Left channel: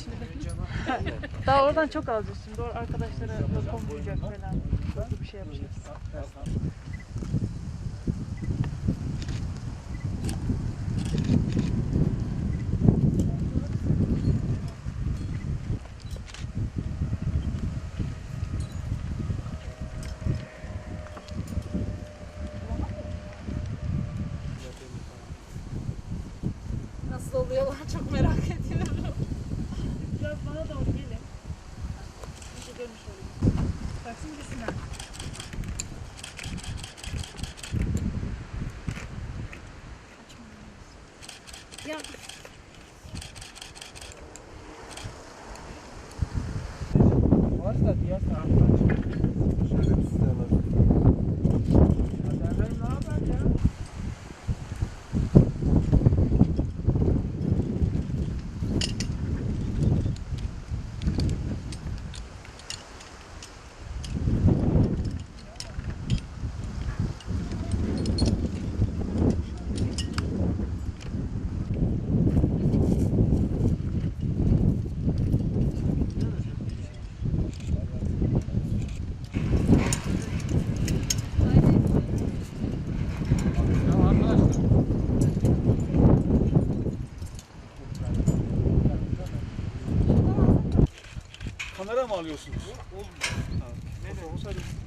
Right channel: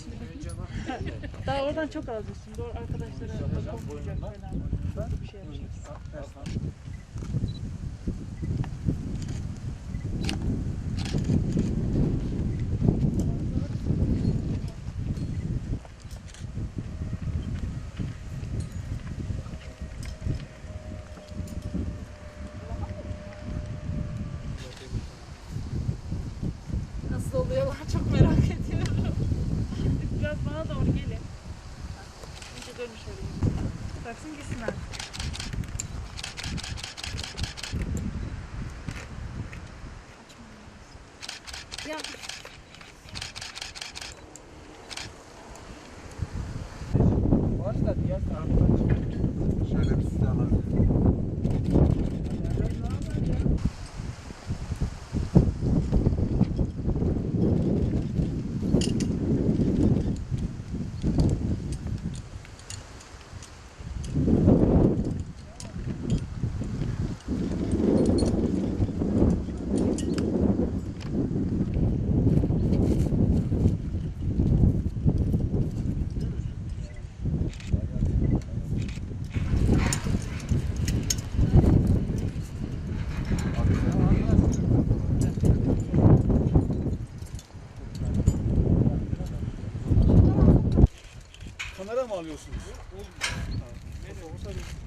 Daha oradan çok alacağız şimdi. O arkadaşlara da konmayacak falan. Hızlı bir şey yapacağız. Nasıl oluyorlar çok merak ediyorum. Bana doğru gelin. Önce dönüş alayım. Baksın gitsinler. Ya Var da diğer taraftan çıkıyor. Şöyle bir sizi alalım. Haberler ne haber ya? Ya mı alıyorsunuz? Fotoğrafı sarayım.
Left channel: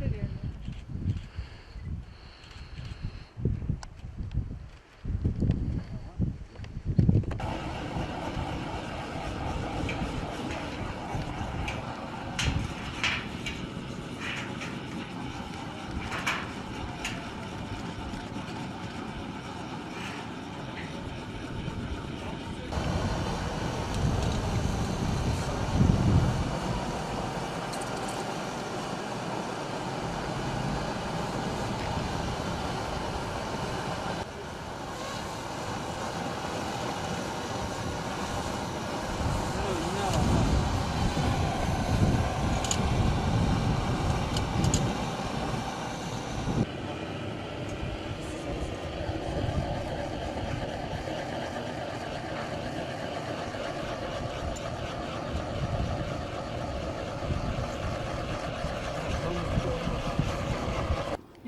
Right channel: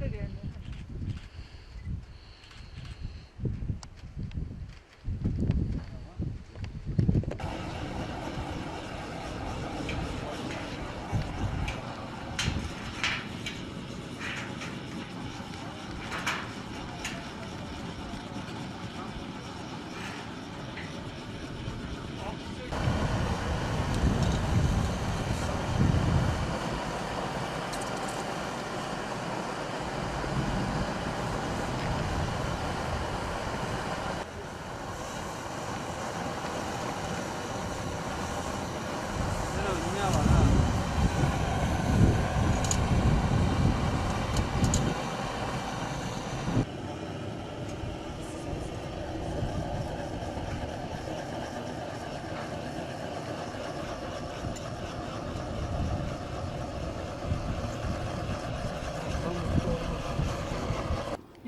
Harika görünüyor.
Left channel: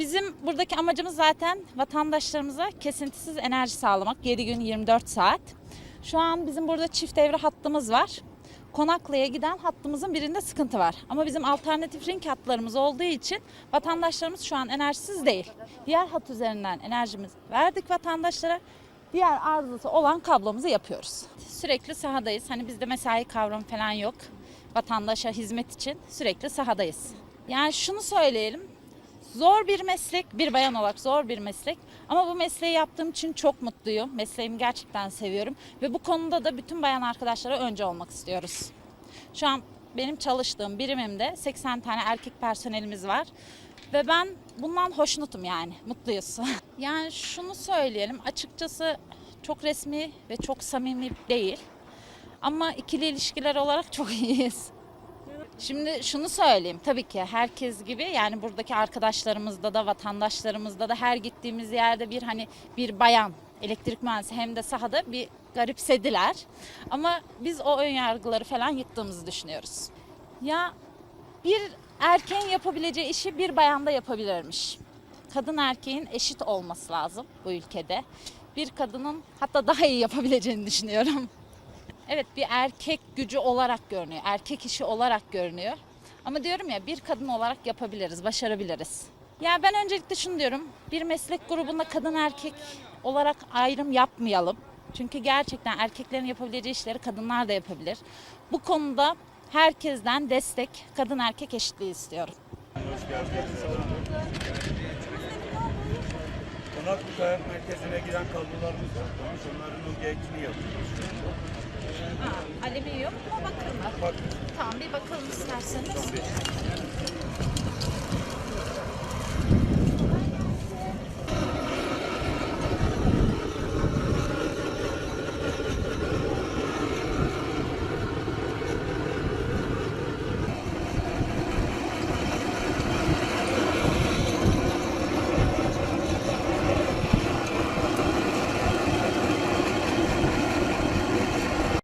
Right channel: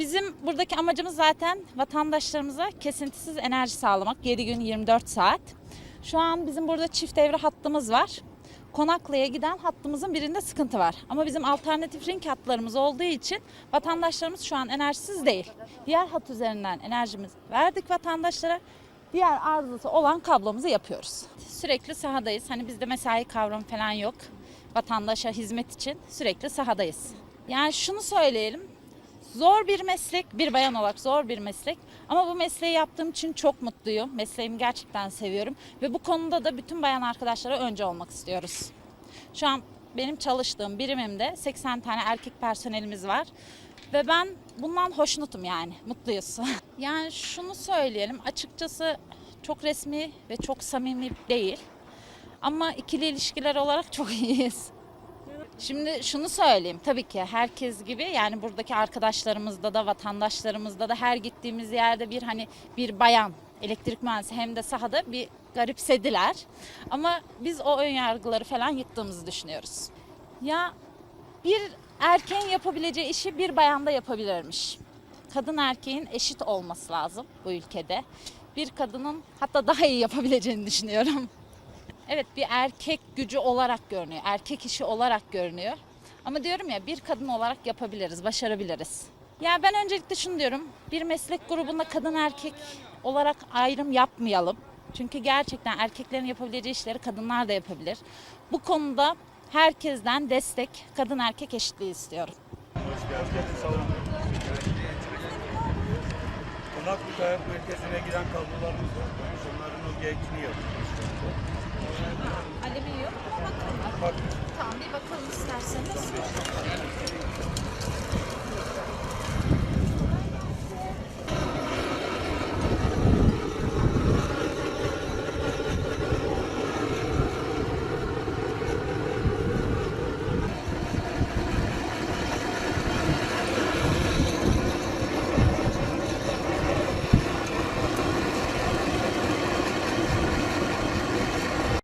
Bizim buradaki amacımız zaten vatandaşlarımıza kesintisiz enerji sağlamak. 7 gün 24 saat. Şu an bizim burada çift devre hattımız var. Konaklı'ya giden hattımızın birinde sıkıntı var. Ama bizim alternatif ring hatlarımız olduğu için vatandaşlarımız şu an enerjisiz değil. Diğer hat üzerinden enerjimizi verdik vatandaşlara. Diğer arızası olan kablomuzu yapıyoruz. Sürekli sahadayız. Hani bizde mesai kavramı falan yok. Vatandaşa hizmet için sürekli sahadayız. Yani şunu söyleyelim. Zor bir meslek, bir bayan olarak zor bir meslek. Ama bu mesleği yaptığım için çok mutluyum. Mesleğimi gerçekten seviyorum. Ve bu konuda da bütün bayan arkadaşlara önce olmak istiyoruz. Şu an benim çalıştığım birimimde 80 tane erkek personelimiz var. Ve ben bundan hoşnutum yani, mutluyuz. yani şunu söyleyelim, açıkçası çok resmi ve çok samimi değil. Ama ikili ilişkiler olarak çok iyiyiz. Şimdi şunu söyleyeyim tabii ki herkes gibi yani buradaki arkadaşlarımızda da vatandaşlarımızda da her gittiğimiz yerde bir hani bir bayan elektrik mühendisi hem de sahada bir garipsediler. Ama biz o ön yargıları falan yıktığımızı düşünüyoruz. Ya bir erkeğin yapabileceği işi bir bayan da yapabilirmiş. Kadın erkeğin eşit olması lazım bu ülkede. Bir kadının hatta daha iyi yapabileceğini düşünüyorum. Evet bir erkek gücü olarak görünüyor. Erkek işi olarak görünüyor. Ama diyorum ya bir kadın olarak yapabiliriz, başarabiliriz. Ya ben öncelikle şunu diyorum. Bir meslek grubunda kadın erkek olarak ayrım yapmayalım. Çünkü gerçekten erkeklerin yapabileceği işleri kadınlar da yapabilir. Bu konuda herkesten destek, kadın erkek eşitliği istiyorum. Hoş geldiniz. Konaklı Kayak Merkezi'ne giren kablolarımız var. Onların o gerekini yapıyoruz Alemi yok ama bakın. Bak Tamam bir bakalım isterseniz.